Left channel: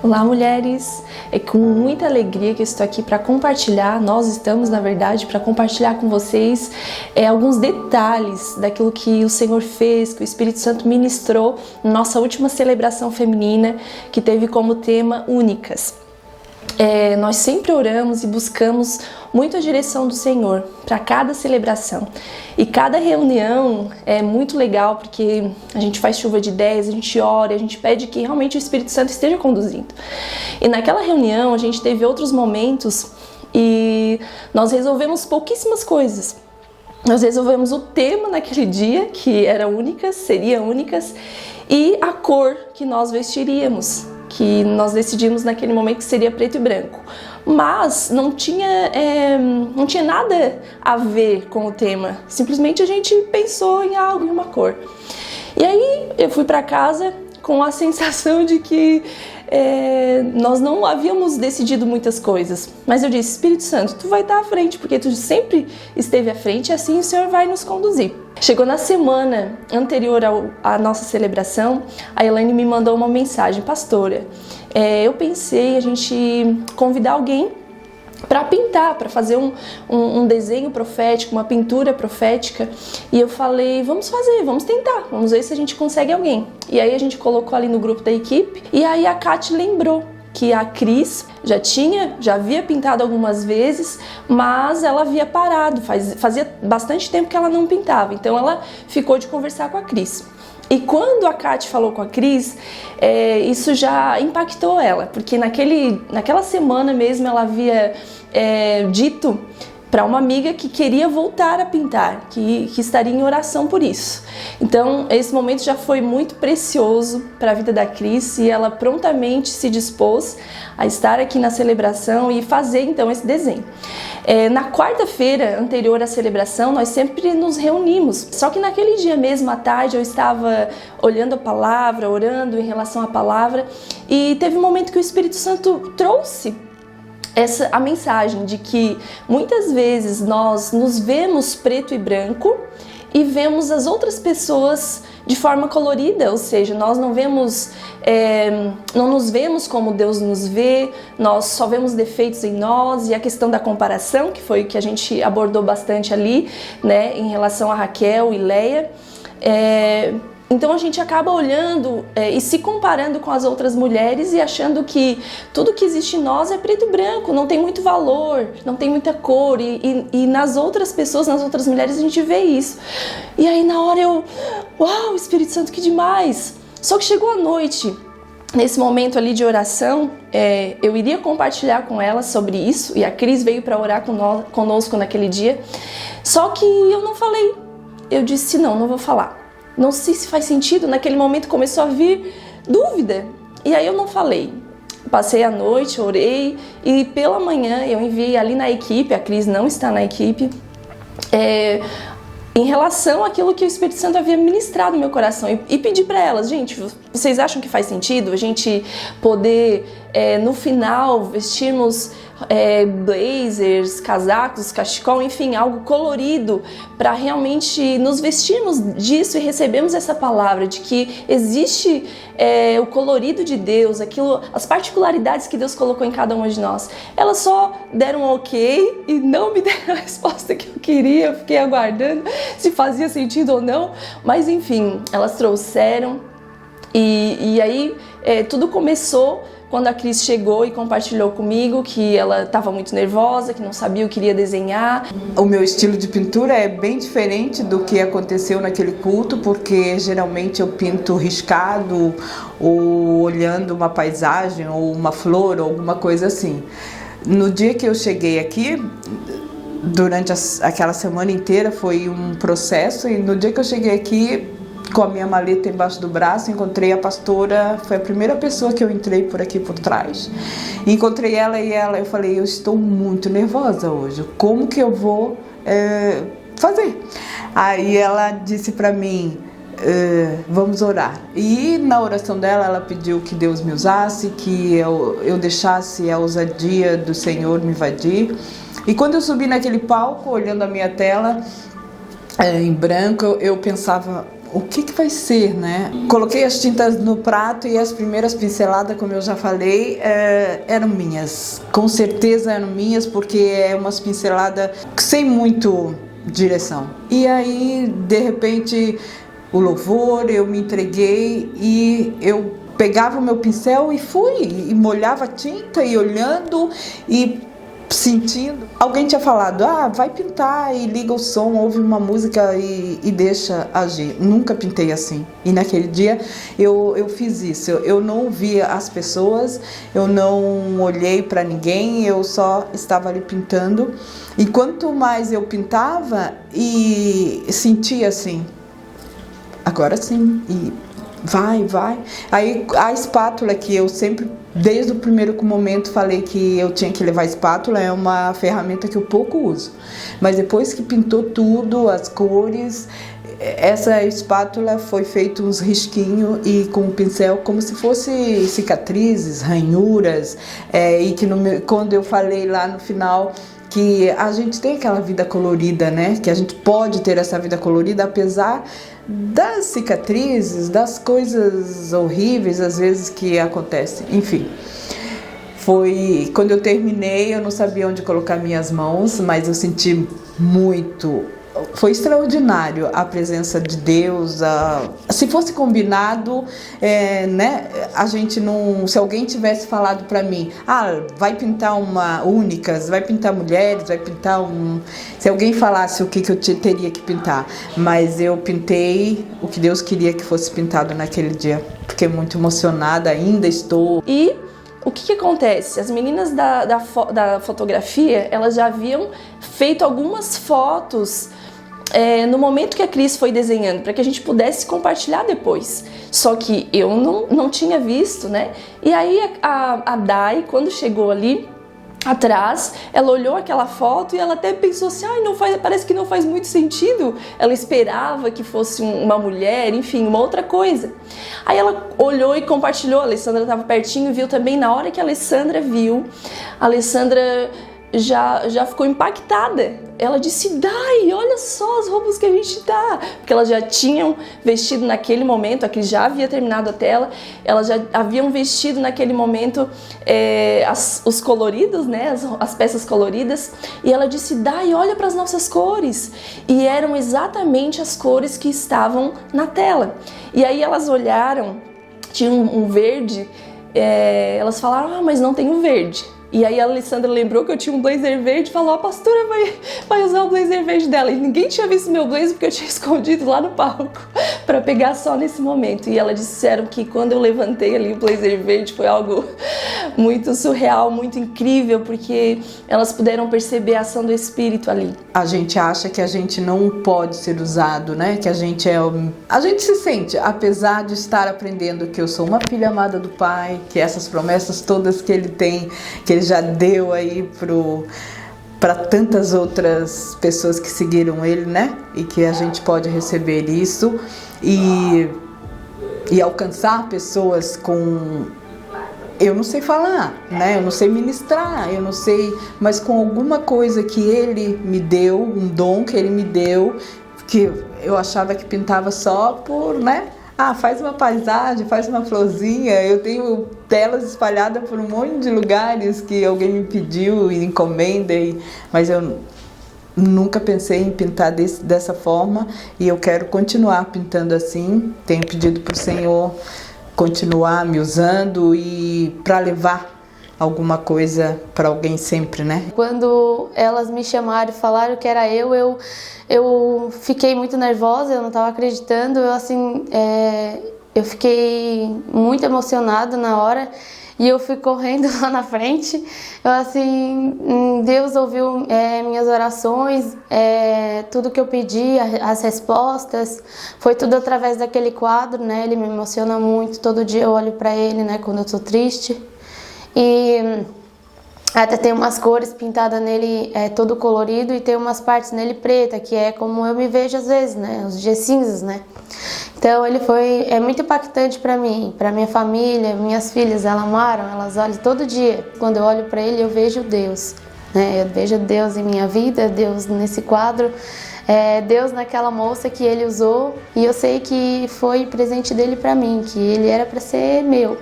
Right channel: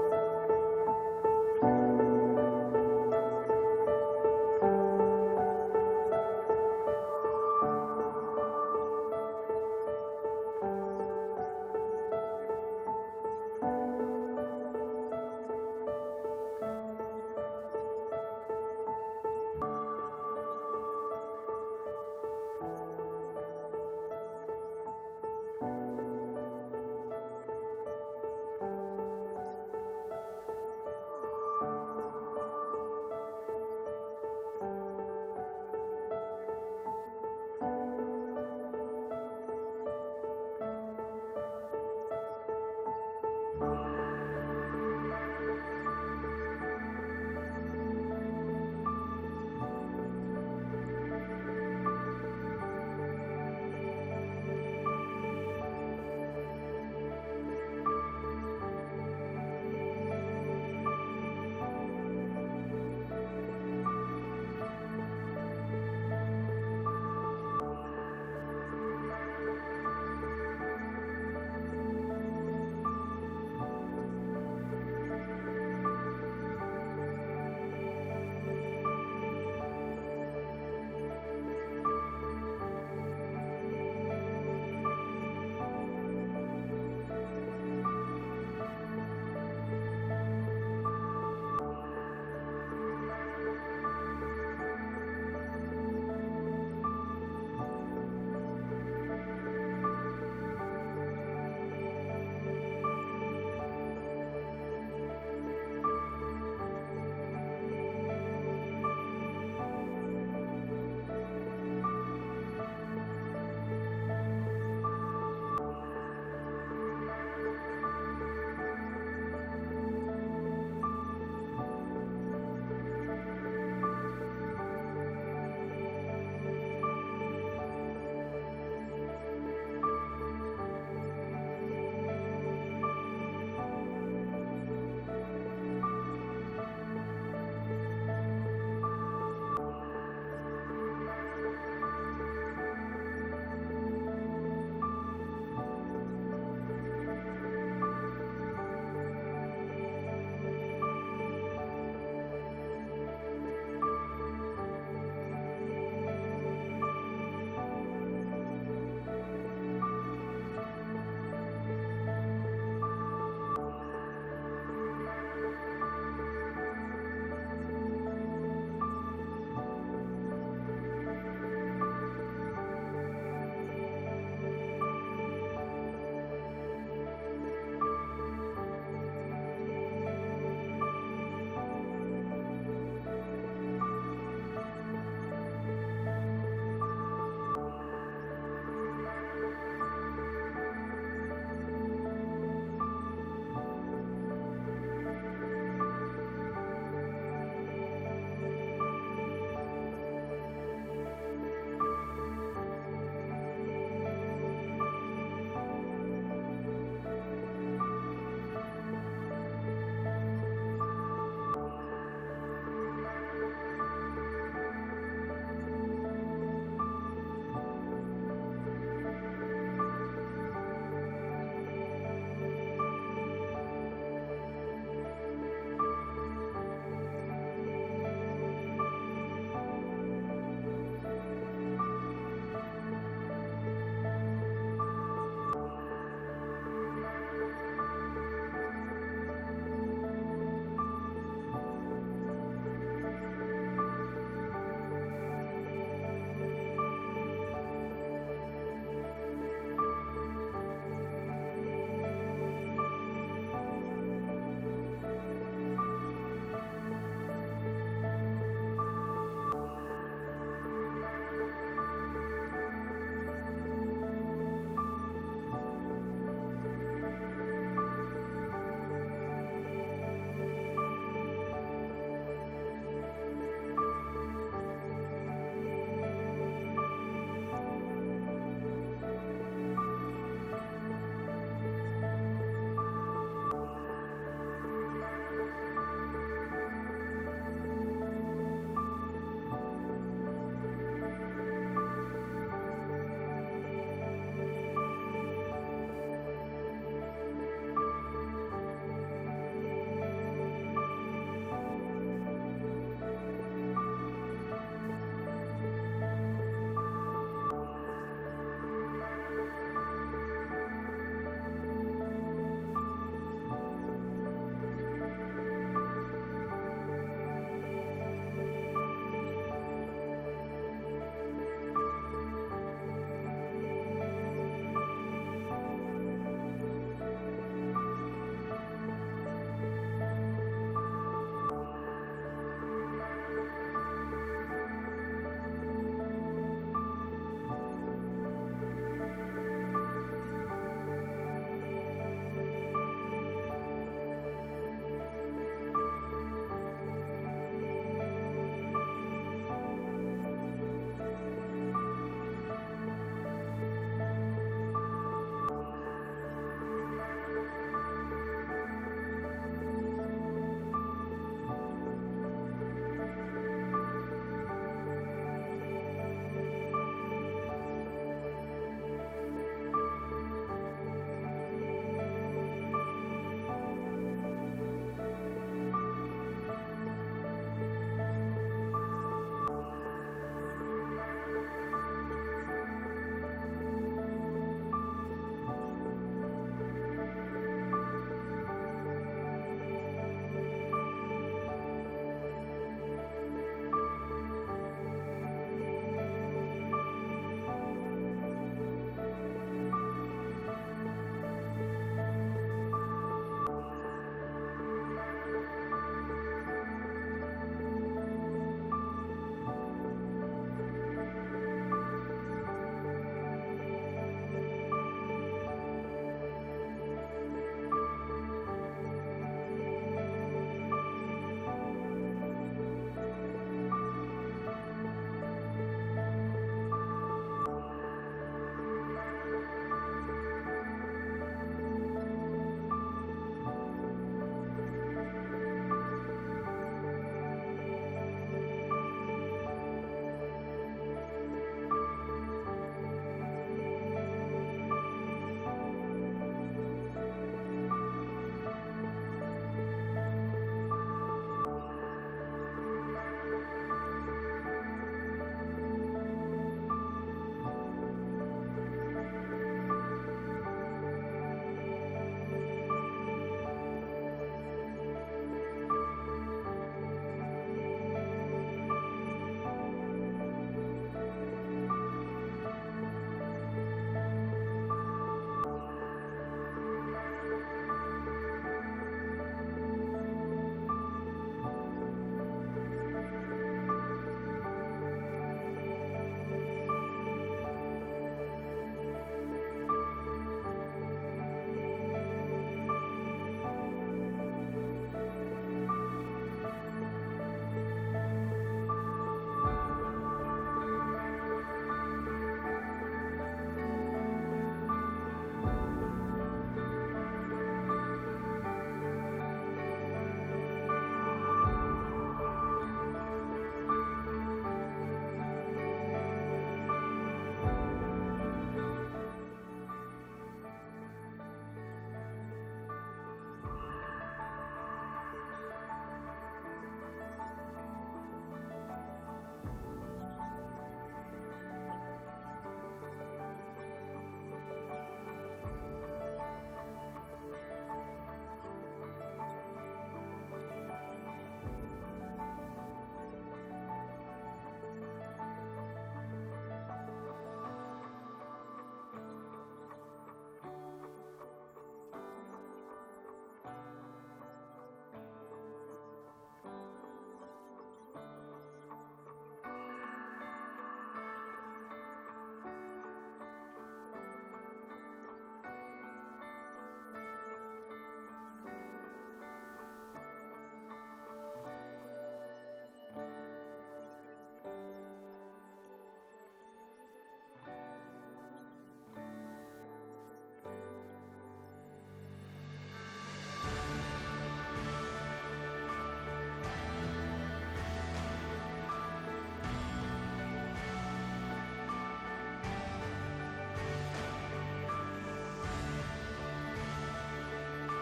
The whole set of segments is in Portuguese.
Olá, mulheres! É com muita alegria que eu estou aqui para compartilhar, nós estamos, na verdade, para compartilhar com vocês alguns detalhes daquilo que o Senhor fez, que o Espírito Santo ministrou na nossa última celebração feminina, que teve como tema Únicas. Nós sempre oramos e buscamos muito a direção do Senhor para cada celebração. E cada reunião é muito legal porque a gente faz chuva de ideias, a gente ora, a gente pede que realmente o Espírito Santo esteja conduzindo. E naquela reunião a gente teve outros momentos e nós resolvemos pouquíssimas coisas. Nós resolvemos o tema naquele dia, que era únicas, seria únicas, e a cor que nós vestiríamos, que nós decidimos naquele momento que seria preto e branco. Mas não tinha nada a ver com o tema, simplesmente a gente pensou em algo, em uma cor. E aí eu fui para casa com a sensação de que nós não havíamos decidido muitas coisas, mas eu disse: Espírito Santo, tu vai estar à frente, porque tu sempre esteve à frente e assim o Senhor vai nos conduzir. Chegou na semana anterior à nossa celebração, a Elaine me mandou uma mensagem: pastora, eu pensei a gente convidar alguém para pintar, para fazer um desenho profético, uma pintura profética. E eu falei: vamos fazer, vamos tentar, vamos ver se a gente consegue alguém. E aí a gente colocou ali no grupo da equipe, e aí a Kate lembrou que a Cris já havia pintado algumas vezes, mas ela havia parado, fazia bastante tempo que ela não pintava, então ela ficou de conversar com a Cris. E quando a Kate falou com a Cris, isso já impactou ela, porque naquela semana mesmo ela havia dito para uma amiga que queria voltar a pintar, que estaria em oração por isso. Então, esse momento já foi muito precioso para a vida da Cris e ela prontamente se dispôs a estar aqui na celebração e fazer então esse desenho. Na quarta-feira anterior à celebração, nós sempre nos reunimos. Só que naquele dia mesmo, à tarde, eu estava olhando a palavra, orando em relação à palavra, e teve um momento que o Espírito Santo trouxe a mensagem de que muitas vezes nós nos vemos preto e branco e vemos as outras pessoas de forma colorida, ou seja, nós não nos vemos como Deus nos vê, nós só vemos defeitos em nós, e a questão da comparação, que foi o que a gente abordou bastante ali, né, em relação a Raquel e Leia. Então a gente acaba olhando e se comparando com as outras mulheres e achando que tudo que existe em nós é preto e branco, não tem muito valor, não tem muita cor, e nas outras pessoas, nas outras mulheres a gente vê isso. E aí na hora uau, Espírito Santo, que demais! Só que chegou a noite, nesse momento ali de oração, eu iria compartilhar com ela sobre isso, e a Cris veio para orar conosco naquele dia, só que eu não falei. Eu disse: não vou falar. Não sei se faz sentido, naquele momento começou a vir dúvida. E aí eu não falei. Passei a noite, orei, e pela manhã eu enviei ali na equipe, a Cris não está na equipe, em relação àquilo que o Espírito Santo havia ministrado no meu coração, e pedi para elas: gente, vocês acham que faz sentido a gente poder, no final, vestirmos blazers, casacos, cachecol, enfim, algo colorido, para realmente nos vestirmos disso e recebermos essa palavra de que existe o colorido de Deus, as particularidades que Deus colocou em cada uma de nós. Elas só deram um ok e não me deram a resposta que eu queria. Eu fiquei aguardando se fazia sentido ou não, mas enfim, elas trouxeram, e aí tudo começou quando a Cris chegou e compartilhou comigo que ela estava muito nervosa, que não sabia o que iria desenhar. O meu estilo de pintura é bem diferente do que aconteceu naquele culto, porque geralmente eu pinto riscado, ou olhando uma paisagem, ou uma flor, ou alguma coisa assim. No dia que eu cheguei aqui, durante aquela semana inteira foi um processo, e no dia que eu cheguei aqui, com a minha maleta embaixo do braço, encontrei a pastora. Foi a primeira pessoa que eu entrei por aqui por trás. Encontrei ela e eu falei: eu estou muito nervosa hoje, como que eu vou fazer? Aí ela disse para mim: vamos orar. E na oração dela, ela pediu que Deus me usasse, que eu deixasse a ousadia do Senhor me invadir. E quando eu subi naquele palco, olhando a minha tela, em branco, eu pensava, o que vai ser, né? Coloquei as tintas no prato e as primeiras pinceladas, como eu já falei, eram minhas. Com certeza eram minhas, porque é umas pinceladas sem muito direção. E aí, de repente, o louvor, eu me entreguei e eu pegava o meu pincel e fui, e molhava a tinta e olhando e sentindo. Alguém tinha falado, vai pintar e liga o som, ouve uma música e deixa agir. Nunca pintei assim. E naquele dia eu fiz isso. Eu não ouvia as pessoas, eu não olhei para ninguém, eu só estava ali pintando. E quanto mais eu pintava e sentia assim, agora sim, e vai. Aí a espátula, que eu sempre, desde o primeiro momento, falei que eu tinha que levar espátula, é uma ferramenta que eu pouco uso. Mas depois que pintou tudo, as cores, essa espátula foi feito uns risquinhos e com o pincel como se fosse cicatrizes, ranhuras, e que quando eu falei lá no final que a gente tem aquela vida colorida, né? Que a gente pode ter essa vida colorida apesar das cicatrizes, das coisas horríveis às vezes que acontecem. Enfim, foi quando eu terminei, eu não sabia onde colocar minhas mãos, mas eu senti muito. Foi extraordinário a presença de Deus. Se fosse combinado, né, a gente não. Se alguém tivesse falado para mim, vai pintar uma únicas, vai pintar mulheres, vai pintar um. Se alguém falasse o que eu teria que pintar, mas eu pintei o que Deus queria que fosse pintado naquele dia. Fiquei muito emocionada, ainda estou. E o que acontece? As meninas da fotografia, elas já haviam feito algumas fotos no momento que a Cris foi desenhando, para que a gente pudesse compartilhar depois. Só que eu não tinha visto, né? E aí a Dai, quando chegou ali atrás, ela olhou aquela foto e ela até pensou assim, parece que não faz muito sentido. Ela esperava que fosse uma mulher, enfim, uma outra coisa. Aí ela olhou e compartilhou, a Alessandra estava pertinho, viu também. Na hora que a Alessandra viu, a Alessandra já ficou impactada. Ela disse, Dai, olha só as roupas que a gente tá. Porque elas já tinham vestido naquele momento, a Cris já havia terminado a tela, elas já haviam vestido naquele momento os coloridos, né, as peças coloridas. E ela disse, Dai, olha para as nossas cores. E eram exatamente as cores que estavam na tela. E aí elas olharam, tinha um verde, elas falaram, mas não tem o verde. E aí a Alessandra lembrou que eu tinha um blazer verde e falou, a pastora vai usar o blazer verde dela. E ninguém tinha visto meu blazer porque eu tinha escondido lá no palco para pegar só nesse momento. E elas disseram que quando eu levantei ali o blazer verde foi algo muito surreal, muito incrível, porque elas puderam perceber a ação do Espírito ali. A gente acha que a gente não pode ser usado, né? Que a gente A gente se sente, apesar de estar aprendendo que eu sou uma filha amada do Pai, que essas promessas todas que Ele tem, que Ele já deu aí para tantas outras pessoas que seguiram Ele, né? E que a gente pode receber isso e alcançar pessoas com... Eu não sei falar, né? Eu não sei ministrar, eu não sei... Mas com alguma coisa que Ele me deu, um dom que Ele me deu, que eu achava que pintava só por, né? Faz uma paisagem, faz uma florzinha. Eu tenho telas espalhadas por um monte de lugares que alguém me pediu e encomenda, mas eu nunca pensei em pintar dessa forma e eu quero continuar pintando assim. Tenho pedido para o Senhor continuar me usando e para levar alguma coisa para alguém sempre, né? Quando elas me chamaram e falaram que era eu fiquei muito nervosa, eu não estava acreditando, eu fiquei muito emocionada na hora e eu fui correndo lá na frente. Deus ouviu minhas orações, tudo que eu pedi, as respostas, foi tudo através daquele quadro, né? Ele me emociona muito, todo dia eu olho para ele, né? Quando eu tô triste. E até tem umas cores pintadas nele, todo colorido, e tem umas partes nele preta, que é como eu me vejo às vezes, né? Os dias cinzas, né? Então ele é muito impactante para mim, para minha família, minhas filhas, elas amaram, elas olham todo dia. Quando eu olho para ele, eu vejo Deus, né? Eu vejo Deus em minha vida, Deus nesse quadro. Deus naquela moça que ele usou, e eu sei que foi presente dele para mim, que ele era para ser meu.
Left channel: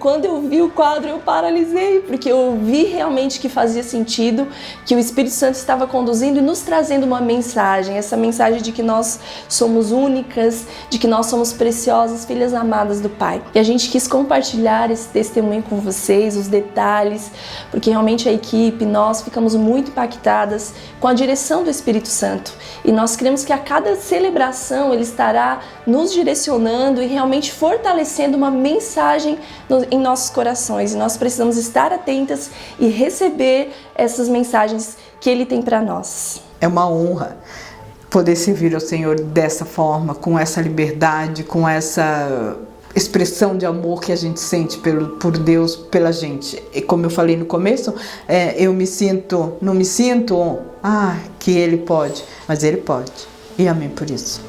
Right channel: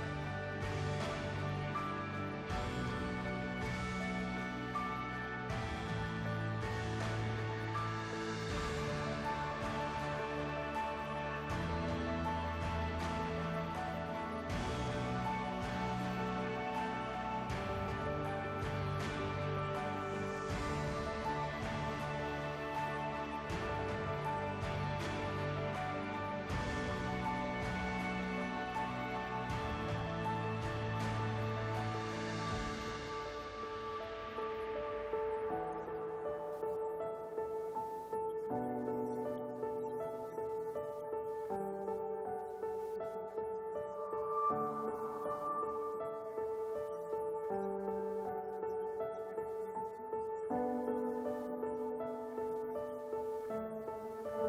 Quando eu vi o quadro, eu paralisei, porque eu vi realmente que fazia sentido, que o Espírito Santo estava conduzindo e nos trazendo uma mensagem, essa mensagem de que nós somos únicas, de que nós somos preciosas, filhas amadas do Pai. E a gente quis compartilhar esse testemunho com vocês, os detalhes, porque realmente a equipe, nós ficamos muito impactadas com a direção do Espírito Santo. E nós cremos que a cada celebração ele estará nos direcionando e realmente fortalecendo uma mensagem em nossos corações, e nós precisamos estar atentas e receber essas mensagens que Ele tem para nós. É uma honra poder servir ao Senhor dessa forma, com essa liberdade, com essa expressão de amor que a gente sente por Deus, pela gente. E como eu falei no começo, eu não me sinto que Ele pode, mas Ele pode. E amém por isso.